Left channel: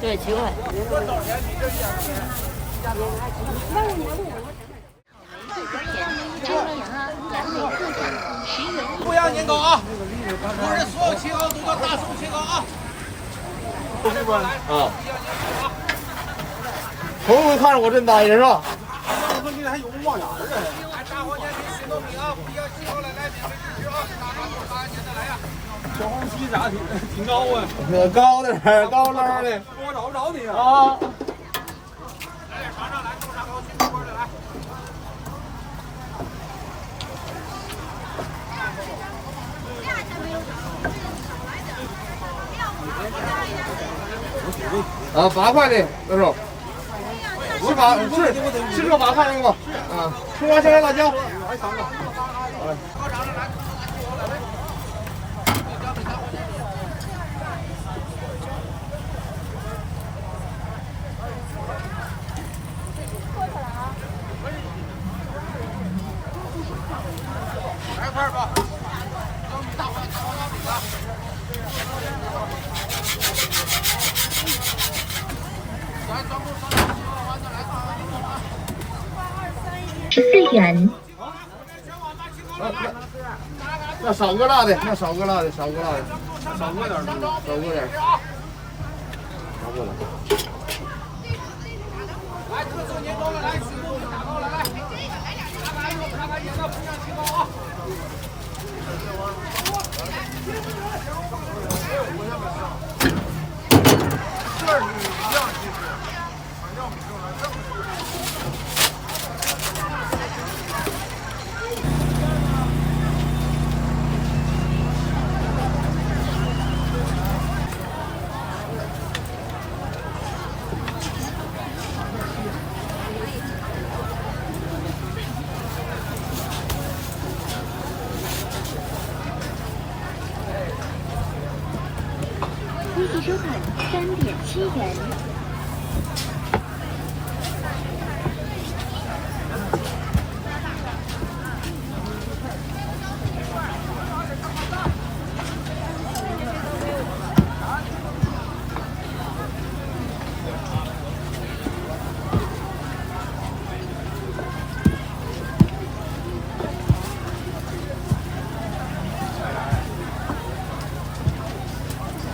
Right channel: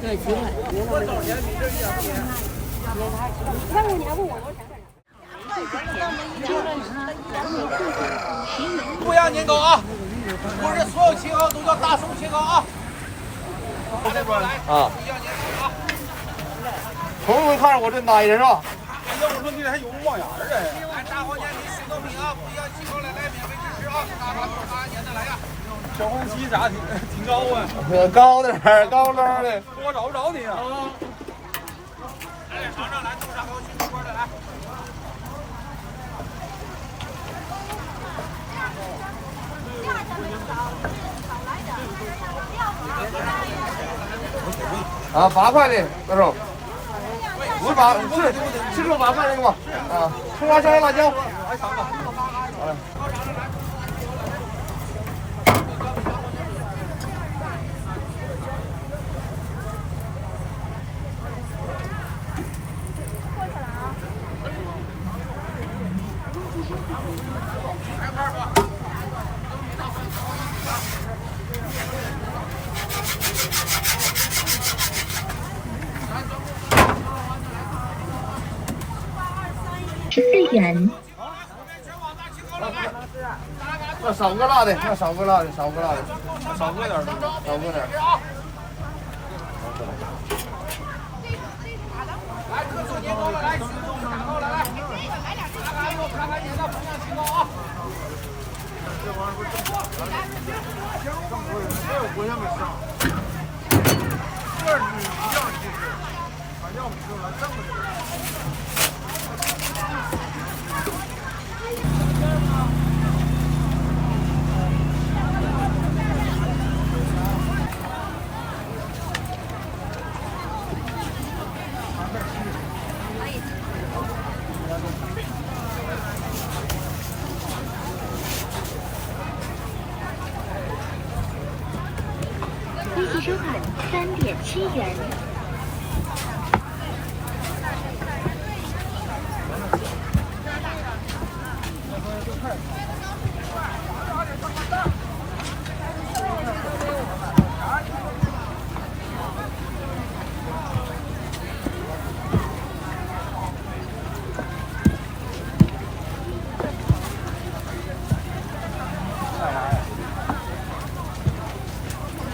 对，7块。不要年糕啊！我这所有切糕都叫大手切糕啊！啊，彤彤看着我真呆着是吧？这还有望眼的。大黄年米、新豆米啊，不要寄过来，来免费支持啊！大黄鸡咋挺高啊？高点儿，高捞的。我找不着你啊。啊，8块的，多少？是8，不是这8块那个吧？啊，葱花香辣椒。哎。14元。那少个辣的，那少个辣的，少个辣的，少个点，少个点，少个点。这是一样，其实，要不就来这么的。微信收款3.7元。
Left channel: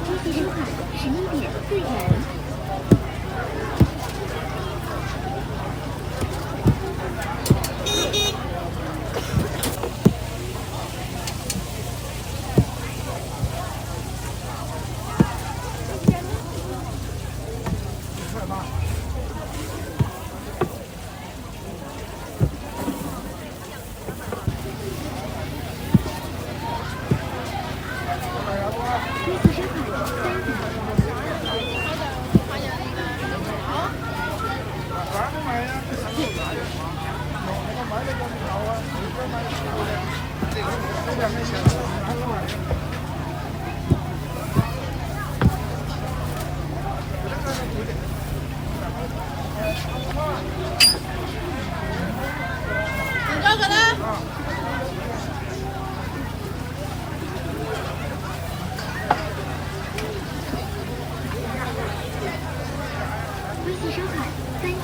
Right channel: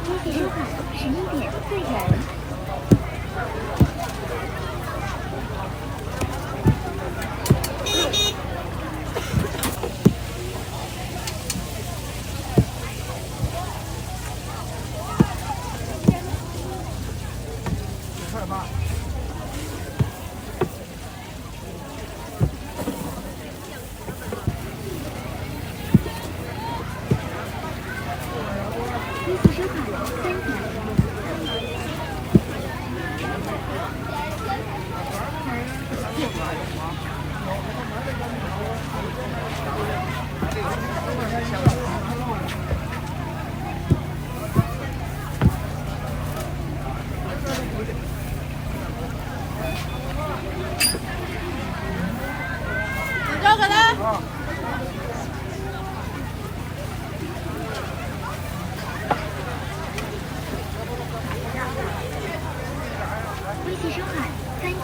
微信收款11.4元。微信收款3元。交给他。微信收款3元。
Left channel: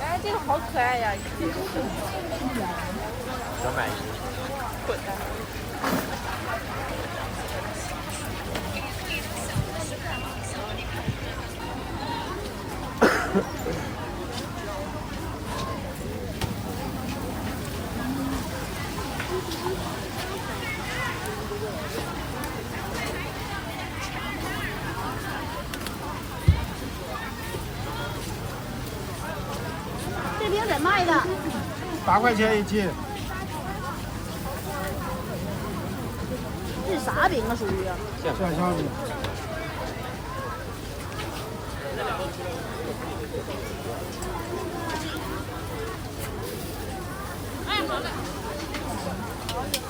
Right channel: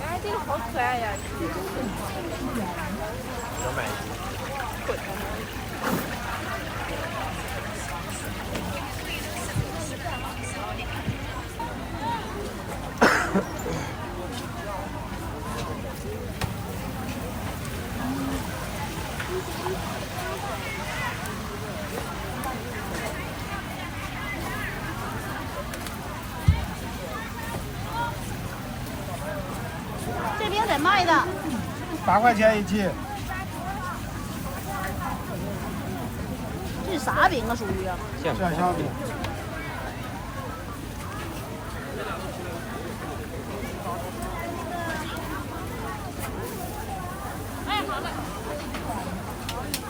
哎，这个好可爱呀！ 8块钱一斤。这啥饼啊？属于？馅小饼。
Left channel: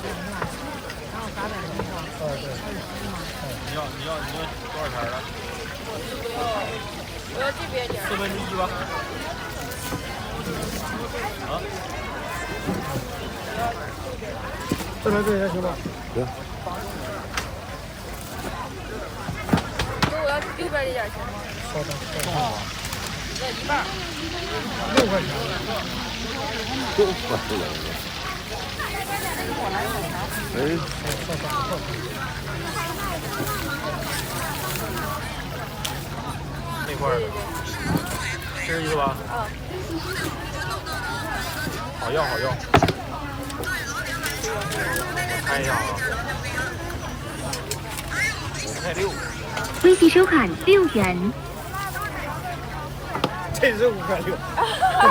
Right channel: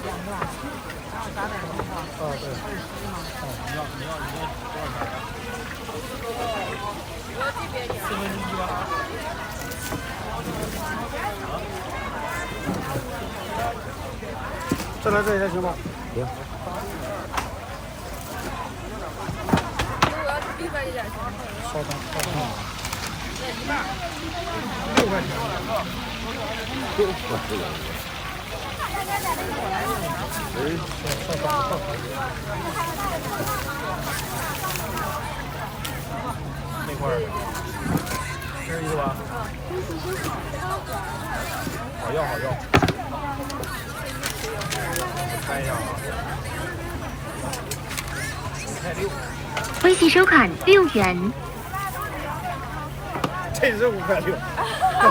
两是吧？然后800多是吧？对。21吗？你要多少钱啊？我要这边点。1/4吧。啊？再来这也行吧？对。我要这边的点行吗？稍等。那一半。6块钱。我来小条。稍等。那块儿的，这个吧？好要。看一下啊，5块6。微信收款6元。这是5块6。哎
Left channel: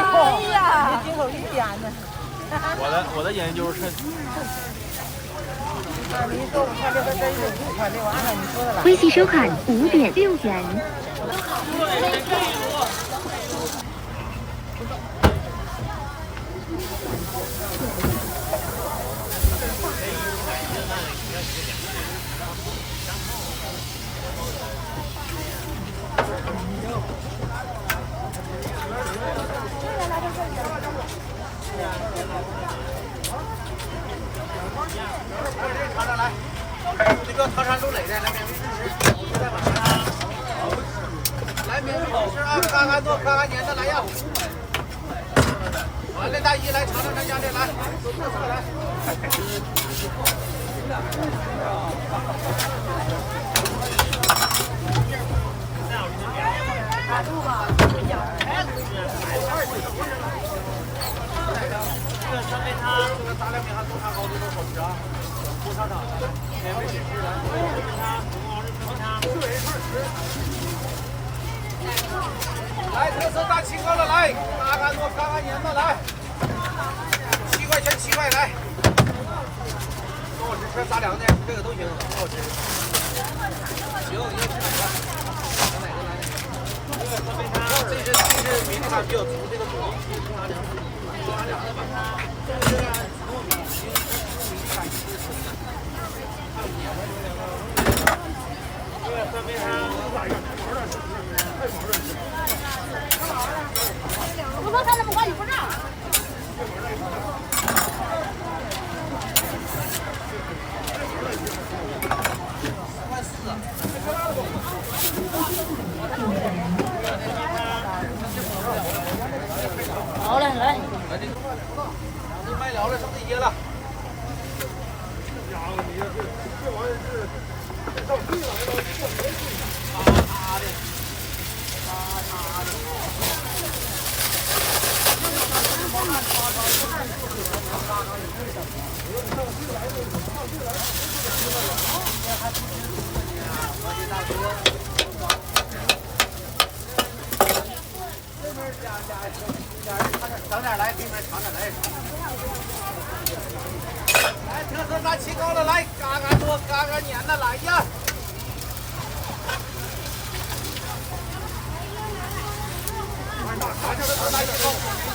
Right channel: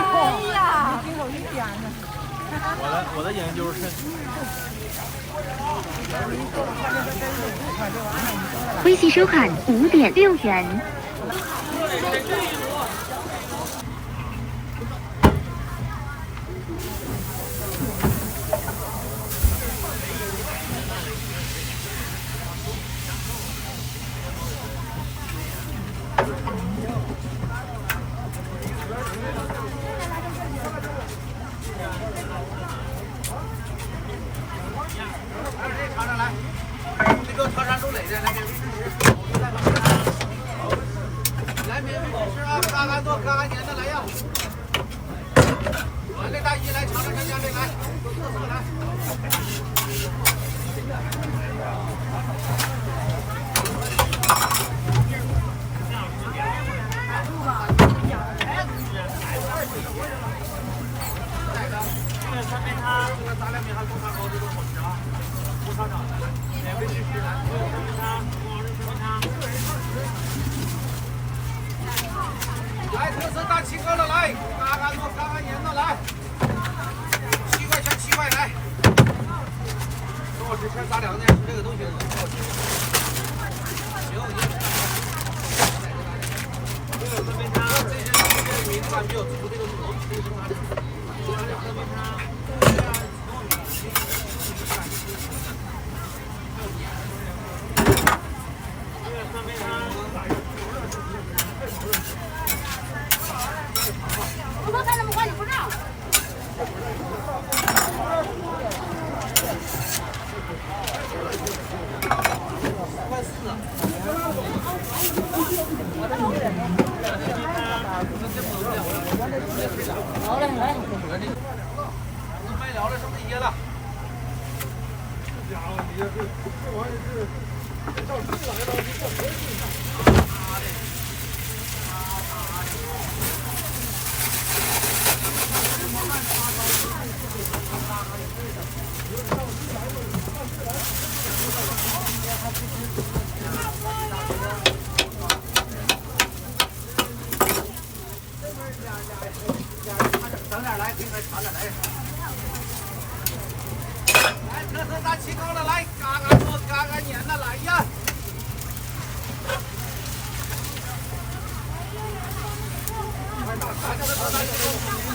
呀，没听我给你点的。我的研究是。微信收款5.6元。这个唐山肉蕾的那边，来面好吃啊，嘎嘎做，嘎嘎粘的来呀！来，大姨来尝尝咱家的来，来。来，特色大青糕的来，嘎嘎做，嘎嘎粘的来，7块钱7块来。好吃，这3两的这个都行，很好吃。行，这是没看比较足的。好嘞，来。你卖了了，剩这些了。长点来，给你尝尝来。来，特色大青糕的来，嘎嘎做，嘎嘎粘的来呀！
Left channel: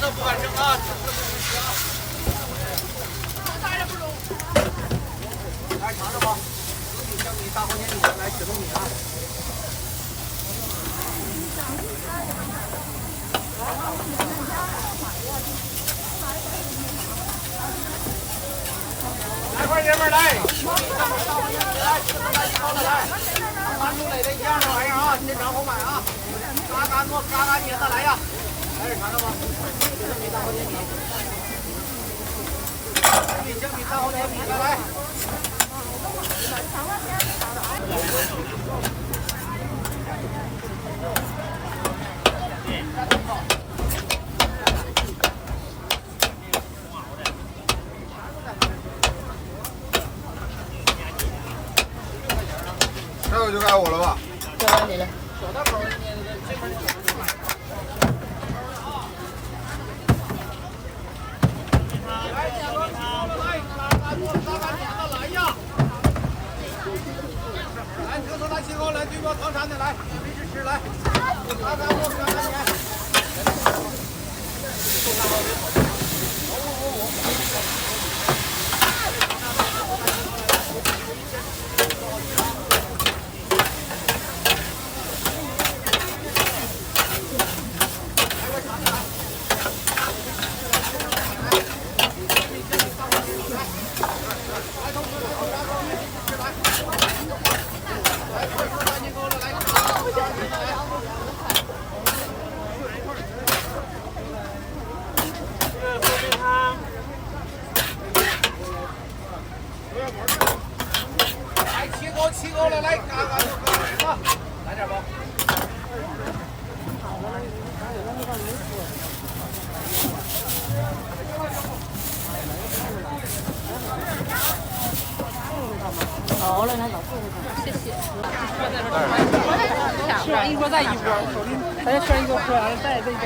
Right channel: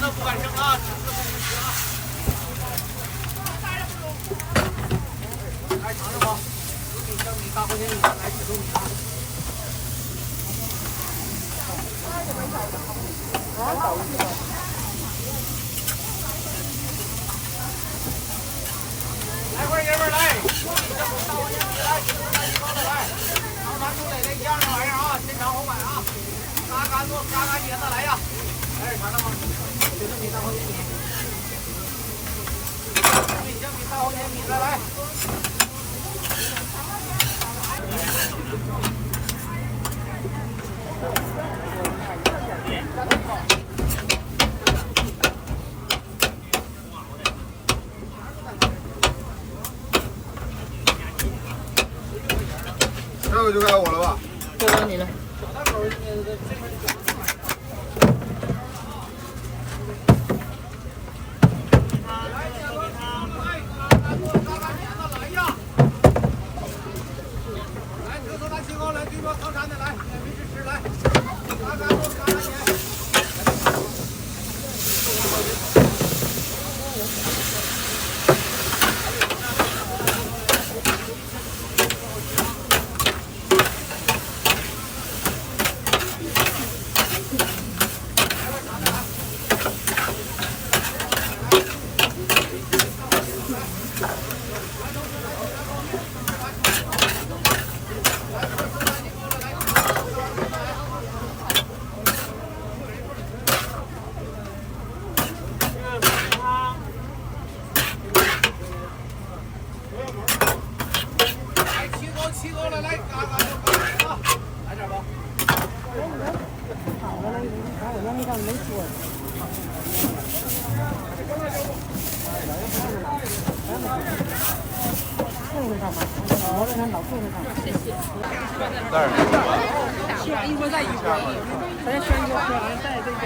那不敢扔啊！来尝尝吧，你3块钱一斤，来雪豆米汤。来，快爷们儿来！来，特色大青糕的来，唐山肉蕾的一样的玩意儿啊，现场好买啊！嘎嘎做，嘎嘎粘的来呀！来，尝尝吧。小米3块钱一斤，来。这个就该我了吧？就该你了。好了，那好吃。是啊，一锅再一锅，咱选一个喝，再这个。